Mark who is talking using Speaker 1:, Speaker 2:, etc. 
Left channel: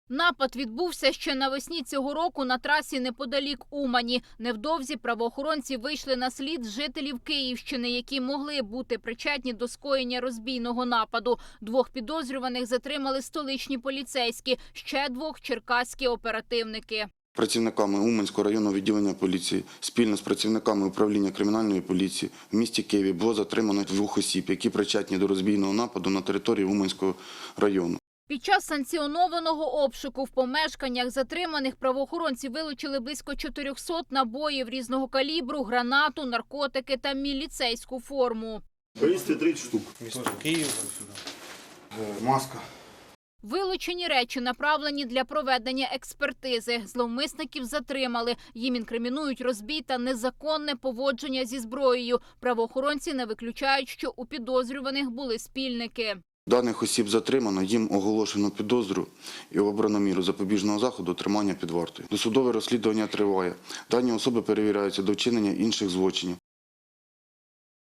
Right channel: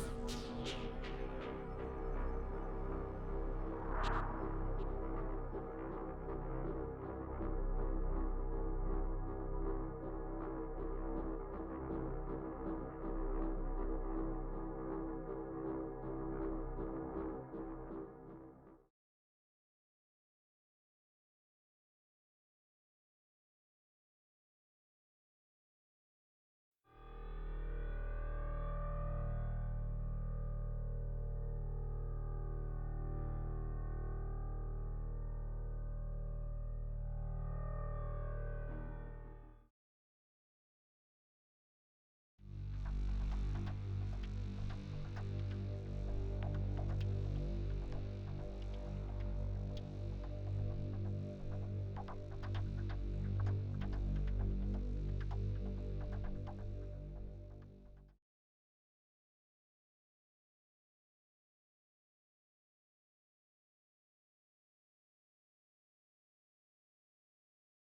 Speaker 1: Напад відбувся ще навесні цього року на трасі неподалік Умані. Невдовзі правоохоронці вийшли на слід жителів Київщини, які могли бути причетні до скоєння розбійного нападу. 2 підозрюваних затримали столичні поліцейські, ще 2 – черкаські оперативники.
Speaker 2: Працівниками Уманського районного відділення поліції спільно з працівниками управління кримінальної поліції в місті Києві було затримано 2 осіб, які причетні до розбійного нападу на території Уманського району.
Speaker 1: Під час санкціонованого обшуку в помешканнях затриманих правоохоронці вилучили близько 400 набоїв різного калібру, гранату, наркотики та міліцейську форму.
Speaker 2: Повісти 30 штук.
Speaker 3: Місто Київ.
Speaker 2: Маска.
Speaker 1: Вилучені речі направлені для проведення експертизи. Зловмисників затримали. Їм інкримінують розбій та незаконне поводження зі зброєю. Правоохоронці не виключають, що у підозрюваних були спільники.
Speaker 2: Даних осіб затримано, їм оголошено підозру і обрано міру запобіжного заходу тримання під вартою. Досудове розслідування триває. Дані особи перевіряються до вчинення інших злочинів.